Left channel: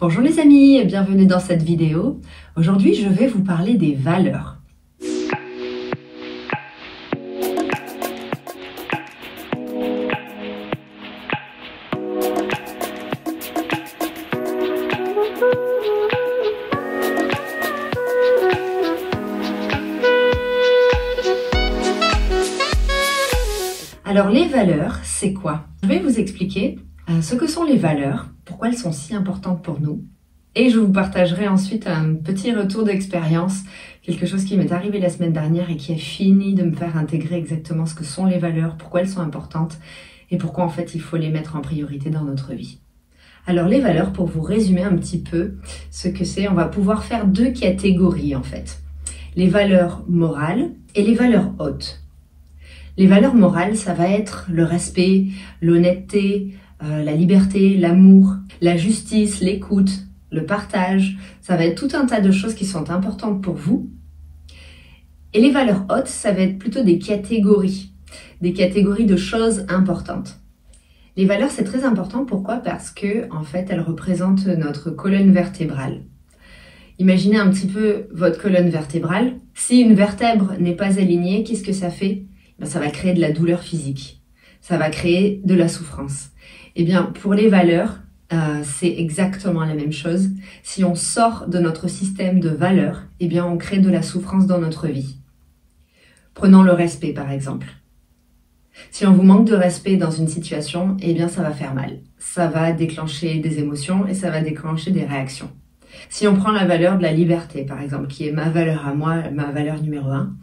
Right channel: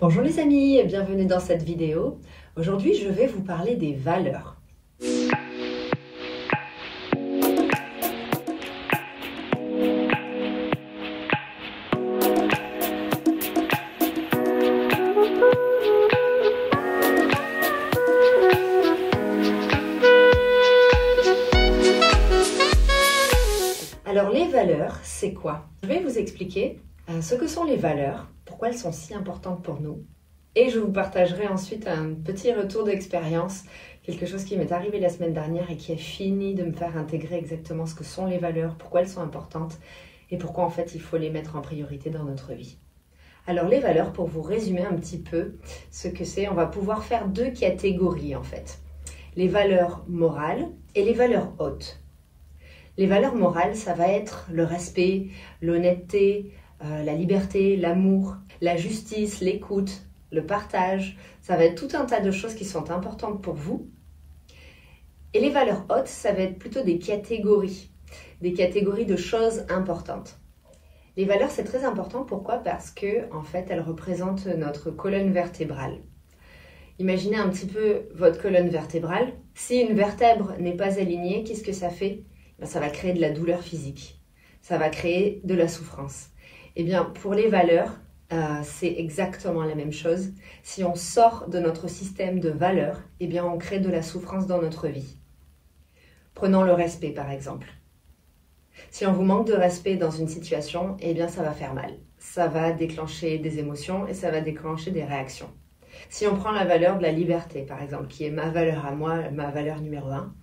Bonjour les amis et bienvenue dans cette vidéo. Aujourd'hui, je vais vous parler des valeurs. Alors les valeurs, c'est quoi? Je vais vous expliquer ce que sont les valeurs, pourquoi elles sont si importantes pour nous. Et je vous partagerai ensuite un petit retour d'expérience, quelque chose qui m'est arrivé la semaine dernière et qui a fini de me faire intégrer exactement ce que sont les valeurs, pourquoi elles sont importantes et pourquoi en fait il faut les mettre en priorité dans notre vie. Alors les valeurs, pour vous résumer un petit peu ce que c'est, on va pouvoir faire deux catégories en fait. Les valeurs morales et les valeurs hautes. Les valeurs morales, ça va être le respect, l'honnêteté, la liberté, l'amour, la justice, l'écoute, le partage. Ça va être tout un tas de choses qui sont importantes pour vous. Et les valeurs hautes, ça va être plutôt des catégories de choses importantes. Les valeurs, c'est très important. Pourquoi? Parce que, en fait, elles représentent notre colonne vertébrale. Imaginez un petit peu votre colonne vertébrale. Si une vertèbre n'est pas alignée, qu'est-ce que ça fait? Ça va créer de la douleur physique. Ça va créer de la souffrance. Eh bien, pour les valeurs, c'est exactement la même chose. Si on sort de notre système de valeurs, eh bien, on crée de la souffrance dans notre vie. Prenons le respect, par exemple. Si on vous manque de respect dans une situation, eh bien, ça va faire mal. Ça va déclencher des émotions et ça va déclencher des réactions. Si on prend la valeur de la liberté, par exemple, qui est ma valeur à moi, ma valeur numéro 1,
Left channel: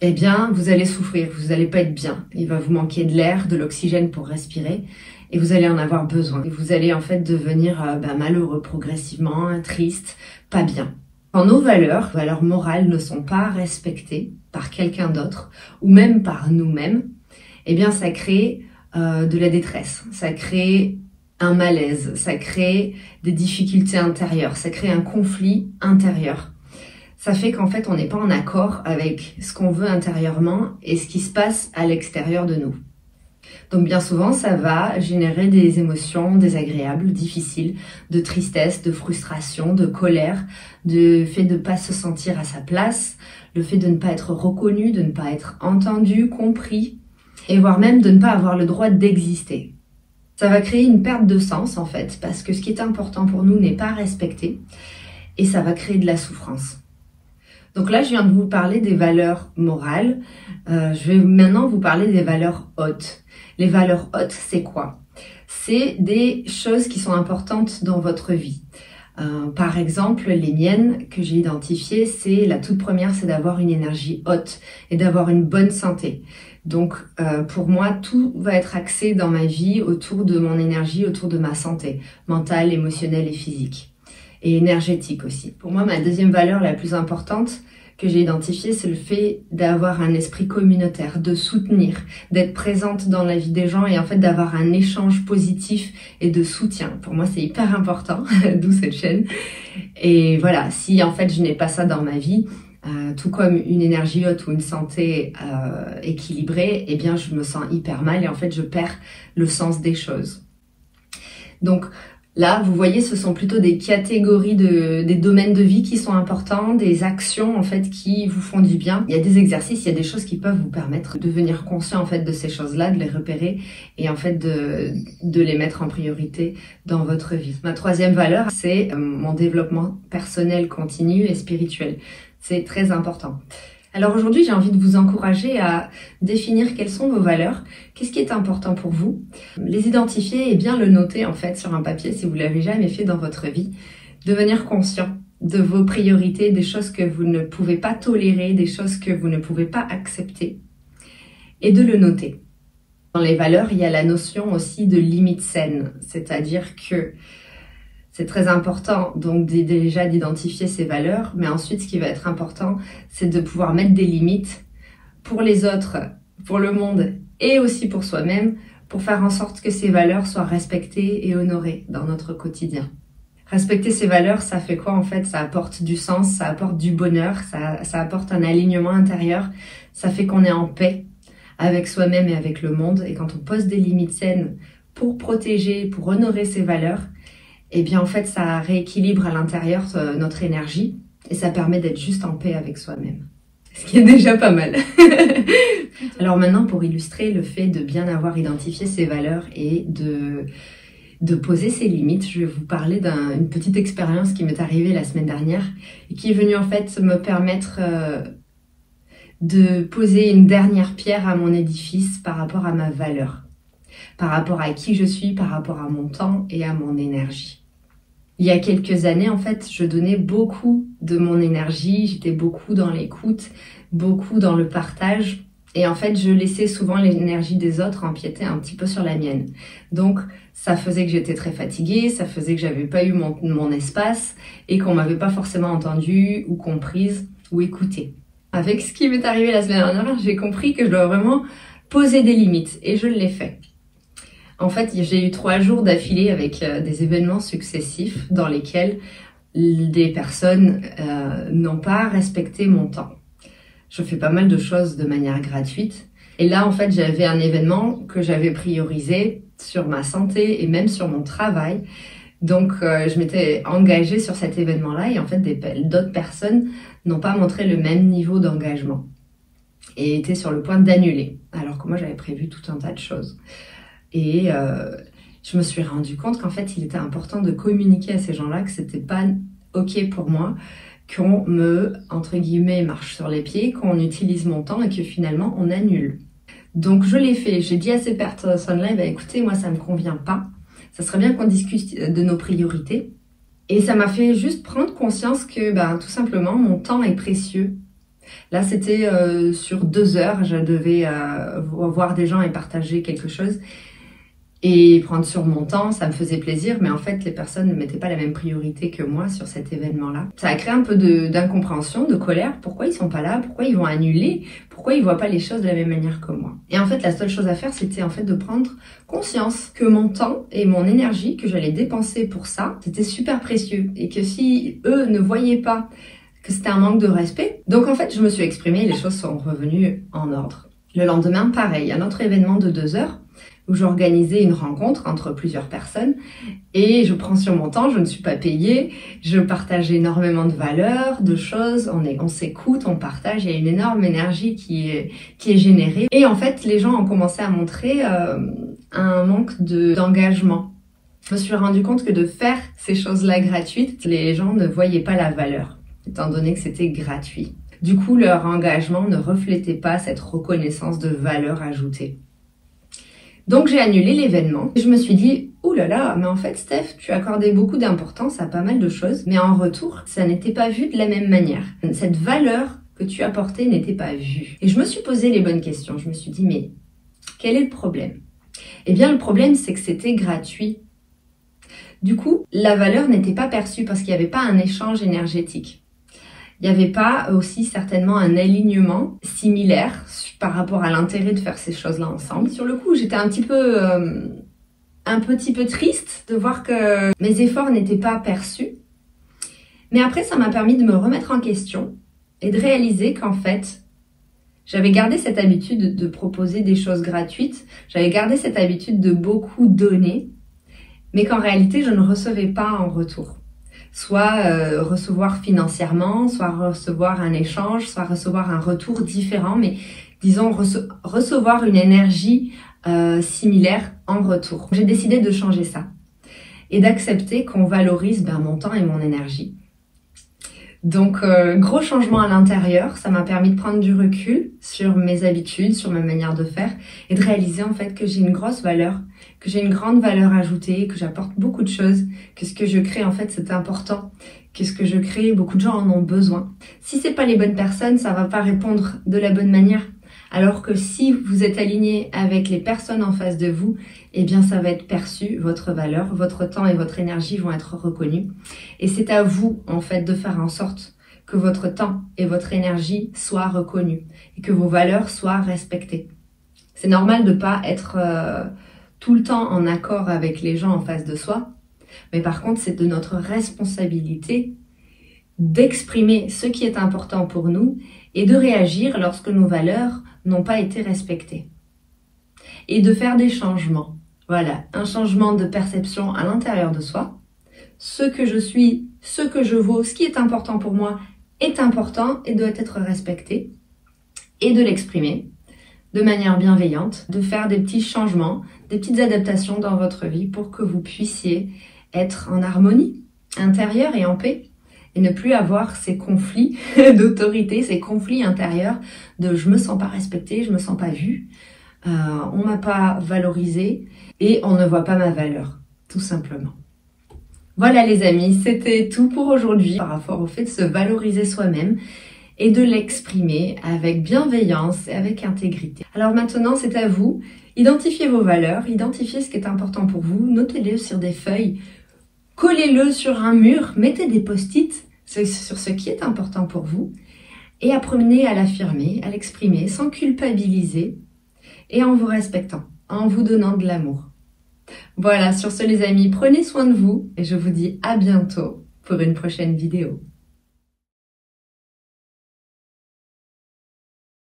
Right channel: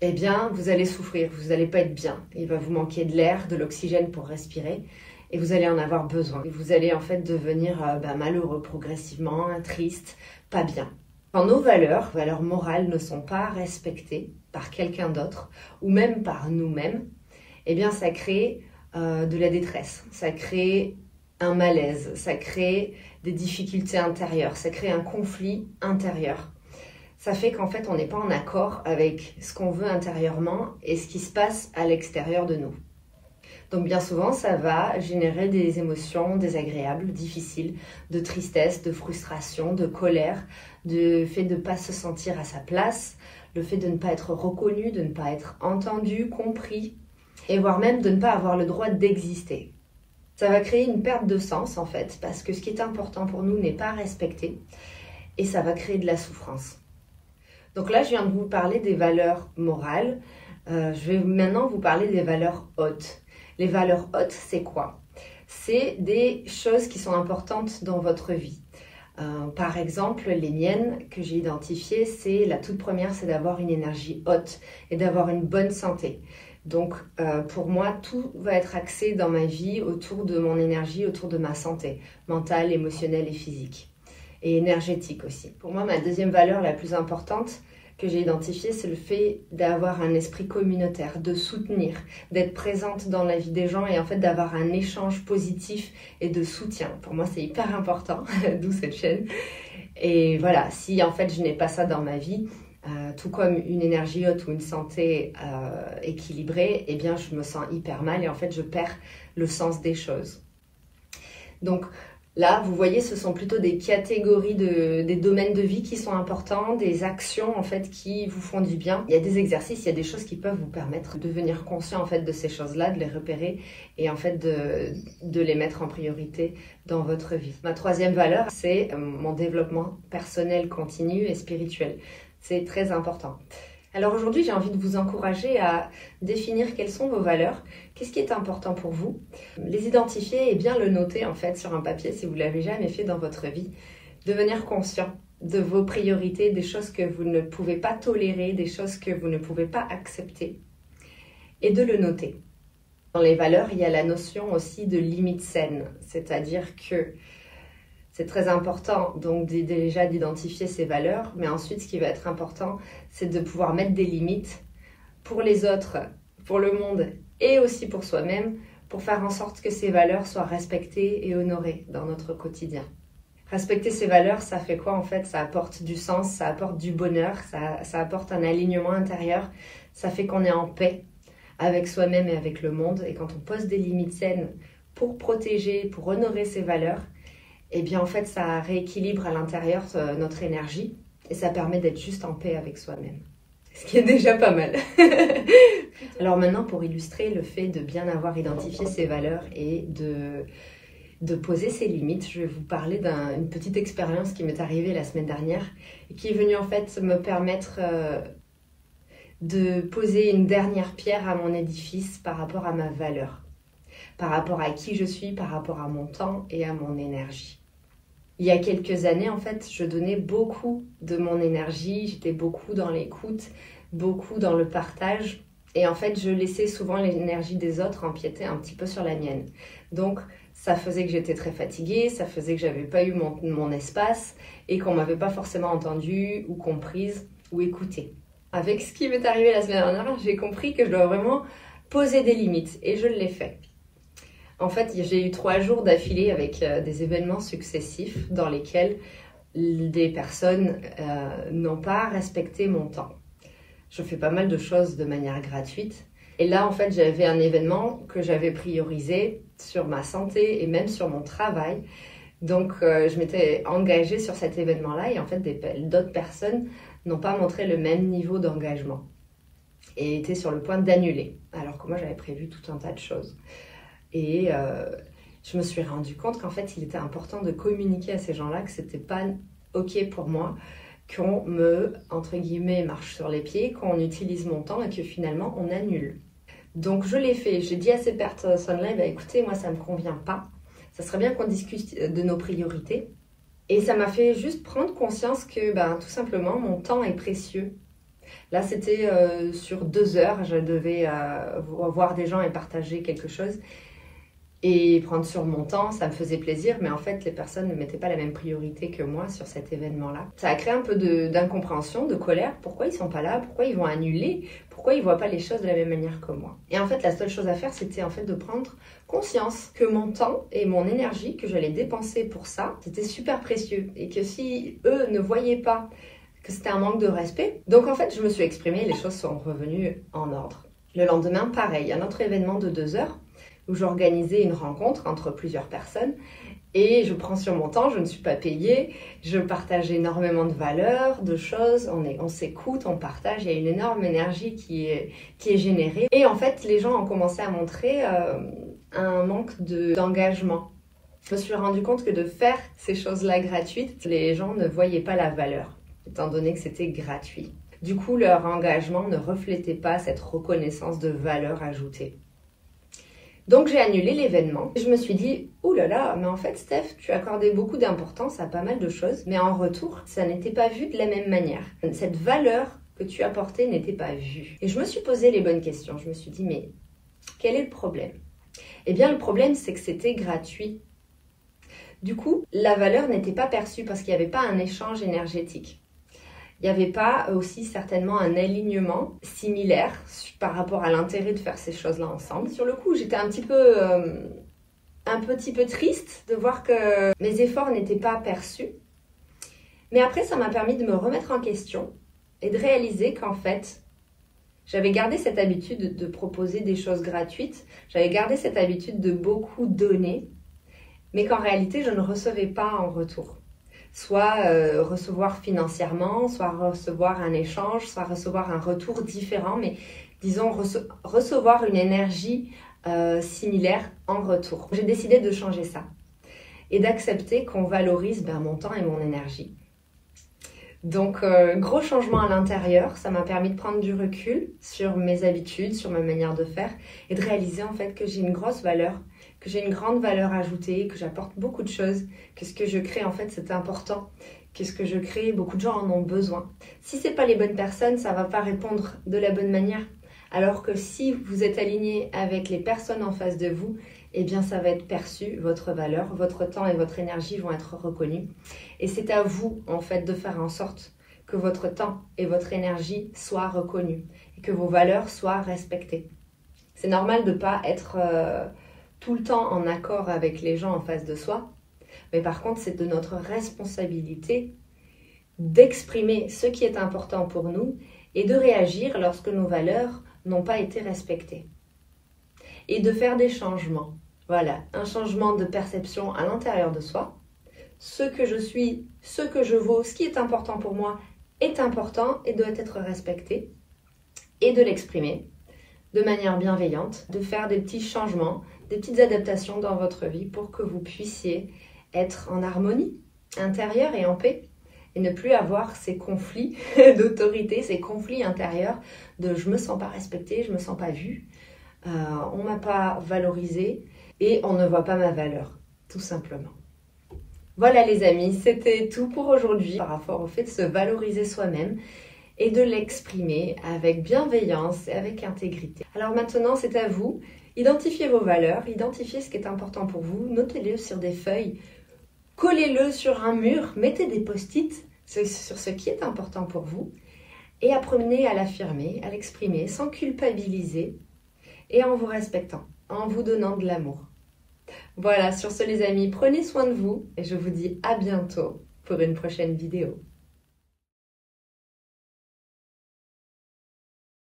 eh bien, vous allez souffrir, vous n'allez pas être bien. Il va vous manquer de l'air, de l'oxygène pour respirer et vous allez en avoir besoin. Et vous allez en fait devenir malheureux progressivement, triste, pas bien. Quand nos valeurs morales ne sont pas respectées par quelqu'un d'autre ou même par nous-mêmes, eh bien ça crée de la détresse, ça crée un malaise, ça crée des difficultés intérieures, ça crée un conflit intérieur. Ça fait qu'en fait, on n'est pas en accord avec ce qu'on veut intérieurement et ce qui se passe à l'extérieur de nous. Donc bien souvent, ça va générer des émotions désagréables, difficiles, de tristesse, de frustration, de colère, de fait de ne pas se sentir à sa place, le fait de ne pas être reconnu, de ne pas être entendu, compris, et voire même de ne pas avoir le droit d'exister. Ça va créer une perte de sens en fait, parce que ce qui est important pour nous n'est pas respecté, et ça va créer de la souffrance. Donc là, je viens de vous parler des valeurs morales. Je vais maintenant vous parler des valeurs hautes. Les valeurs hautes, c'est quoi? C'est des choses qui sont importantes dans votre vie. Par exemple, les miennes que j'ai identifiées, c'est la toute première, c'est d'avoir une énergie haute et d'avoir une bonne santé. Donc, pour moi, tout va être axé dans ma vie autour de mon énergie, autour de ma santé mentale, émotionnelle et physique. Et énergétique aussi. Pour moi, ma deuxième valeur la plus importante que j'ai identifiée, c'est le fait d'avoir un esprit communautaire, de soutenir, d'être présente dans la vie des gens et en fait d'avoir un échange positif et de soutien. Pour moi, c'est hyper important, d'où cette chaîne. Et voilà, si en fait je n'ai pas ça dans ma vie, tout comme une énergie haute ou une santé équilibrée, eh bien je me sens hyper mal et en fait je perds le sens des choses. Donc, là, vous voyez, ce sont plutôt des catégories des domaines de vie qui sont importants, des actions en fait qui vous font du bien. Il y a des exercices, il y a des choses qui peuvent vous permettre de devenir conscient en fait de ces choses-là, de les repérer et en fait de les mettre en priorité dans votre vie. Ma troisième valeur, c'est mon développement personnel continu et spirituel. C'est très important. Alors aujourd'hui, j'ai envie de vous encourager à définir quelles sont vos valeurs, qu'est-ce qui est important pour vous, les identifier et bien le noter en fait sur un papier si vous ne l'avez jamais fait dans votre vie, devenir conscient de vos priorités, des choses que vous ne pouvez pas tolérer, des choses que vous ne pouvez pas accepter et de le noter. Dans les valeurs, il y a la notion aussi de limite saine, c'est-à-dire que c'est très important donc déjà d'identifier ses valeurs, mais ensuite ce qui va être important, c'est de pouvoir mettre des limites pour les autres, pour le monde et aussi pour soi-même, pour faire en sorte que ces valeurs soient respectées et honorées dans notre quotidien. Respecter ces valeurs, ça fait quoi en fait? Ça apporte du sens, ça apporte du bonheur, ça apporte un alignement intérieur, ça fait qu'on est en paix avec soi-même et avec le monde. Et quand on pose des limites saines pour protéger, pour honorer ces valeurs, eh bien en fait ça rééquilibre à l'intérieur notre énergie et ça permet d'être juste en paix avec soi-même. Ce qui est déjà pas mal. Alors maintenant, pour illustrer le fait de bien avoir identifié ses valeurs et de poser ses limites, je vais vous parler d'une petite expérience qui m'est arrivée la semaine dernière et qui est venue en fait me permettre de poser une dernière pierre à mon édifice par rapport à ma valeur, par rapport à qui je suis, par rapport à mon temps et à mon énergie. Il y a quelques années, en fait, je donnais beaucoup de mon énergie, j'étais beaucoup dans l'écoute, beaucoup dans le partage. Et en fait, je laissais souvent l'énergie des autres empiéter un petit peu sur la mienne. Donc, ça faisait que j'étais très fatiguée, ça faisait que j'avais pas eu mon espace et qu'on m'avait pas forcément entendue ou comprise ou écoutée. Avec ce qui m'est arrivé la semaine dernière, j'ai compris que je dois vraiment poser des limites et je l'ai fait. En fait, j'ai eu 3 jours d'affilée avec des événements successifs dans lesquels des personnes n'ont pas respecté mon temps. Je fais pas mal de choses de manière gratuite. Et là, en fait, j'avais un événement que j'avais priorisé sur ma santé et même sur mon travail. Donc, je m'étais engagée sur cet événement-là et en fait, d'autres personnes n'ont pas montré le même niveau d'engagement et étaient sur le point d'annuler, alors que moi, j'avais prévu tout un tas de choses. Et je me suis rendu compte qu'en fait, il était important de communiquer à ces gens-là que c'était pas OK pour moi, qu'on me, entre guillemets, marche sur les pieds, qu'on utilise mon temps et que finalement, on annule. Donc, je l'ai fait. J'ai dit à ces personnes-là, écoutez, moi, ça me convient pas. Ça serait bien qu'on discute de nos priorités. Et ça m'a fait juste prendre conscience que, tout simplement, mon temps est précieux. Là, c'était sur 2 heures. Je devais voir des gens et partager quelque chose. Et prendre sur mon temps, ça me faisait plaisir, mais en fait, les personnes ne mettaient pas la même priorité que moi sur cet événement-là. Ça a créé un peu d'incompréhension, de colère. Pourquoi ils sont pas là? Pourquoi ils vont annuler? Pourquoi ils voient pas les choses de la même manière que moi? Et en fait, la seule chose à faire, c'était en fait de prendre conscience que mon temps et mon énergie que j'allais dépenser pour ça, c'était super précieux. Et que si eux ne voyaient pas que c'était un manque de respect, donc en fait, je me suis exprimée et les choses sont revenues en ordre. Le lendemain, pareil, un autre événement de 2 heures, où j'organisais une rencontre entre plusieurs personnes et je prends sur mon temps, je ne suis pas payée, je partage énormément de valeurs, de choses, on s'écoute, on partage, il y a une énorme énergie qui est générée. Et en fait, les gens ont commencé à montrer un manque d'engagement. Je me suis rendu compte que de faire ces choses-là gratuites, les gens ne voyaient pas la valeur, étant donné que c'était gratuit. Du coup, leur engagement ne reflétait pas cette reconnaissance de valeur ajoutée. Donc j'ai annulé l'événement. Je me suis dit, ouh là là, mais en fait Steph, tu accordais beaucoup d'importance à pas mal de choses, mais en retour, ça n'était pas vu de la même manière. Cette valeur que tu apportais n'était pas vue. Et je me suis posé les bonnes questions. Je me suis dit, mais quel est le problème? Eh bien le problème, c'est que c'était gratuit. Du coup, la valeur n'était pas perçue parce qu'il n'y avait pas un échange énergétique. Il n'y avait pas aussi certainement un alignement similaire par rapport à l'intérêt de faire ces choses-là ensemble. Sur le coup, j'étais un petit peu triste de voir que mes efforts n'étaient pas perçus. Mais après, ça m'a permis de me remettre en question et de réaliser qu'en fait, j'avais gardé cette habitude de proposer des choses gratuites. J'avais gardé cette habitude de beaucoup donner, mais qu'en réalité, je ne recevais pas en retour. Soit recevoir financièrement, soit recevoir un échange, soit recevoir un retour différent, mais disons recevoir une énergie similaire en retour. J'ai décidé de changer ça et d'accepter qu'on valorise mon temps et mon énergie. Donc, gros changement à l'intérieur, ça m'a permis de prendre du recul sur mes habitudes, sur ma manière de faire et de réaliser en fait que j'ai une grosse valeur, que j'ai une grande valeur ajoutée, que j'apporte beaucoup de choses, que ce que je crée en fait c'est important, que ce que je crée, beaucoup de gens en ont besoin. Si c'est pas les bonnes personnes, ça va pas répondre de la bonne manière. Alors que si vous êtes aligné avec les personnes en face de vous, eh bien ça va être perçu, votre valeur, votre temps et votre énergie vont être reconnus. Et c'est à vous en fait de faire en sorte que votre temps et votre énergie soient reconnus et que vos valeurs soient respectées. C'est normal de pas être tout le temps en accord avec les gens en face de soi, mais par contre c'est de notre responsabilité d'exprimer ce qui est important pour nous et de réagir lorsque nos valeurs n'ont pas été respectées. Et de faire des changements. Voilà, un changement de perception à l'intérieur de soi, ce que je suis, ce que je vaux, ce qui est important pour moi est important et doit être respecté, et de l'exprimer de manière bienveillante, de faire des petits changements, des petites adaptations dans votre vie pour que vous puissiez être en harmonie intérieure et en paix et ne plus avoir ces conflits d'autorité, ces conflits intérieurs de je me sens pas respectée, je me sens pas vue, on m'a pas valorisée et on ne voit pas ma valeur, tout simplement. Voilà les amis, c'était tout pour aujourd'hui par rapport au fait de se valoriser soi-même et de l'exprimer avec bienveillance et avec intégrité. Alors maintenant, c'est à vous. Identifiez vos valeurs, identifiez ce qui est important pour vous, notez-le sur des feuilles, collez-le sur un mur, mettez des post-it sur ce qui est important pour vous et apprenez à l'affirmer, à l'exprimer sans culpabiliser et en vous respectant, en vous donnant de l'amour. Voilà, sur ce les amis, prenez soin de vous et je vous dis à bientôt pour une prochaine vidéo.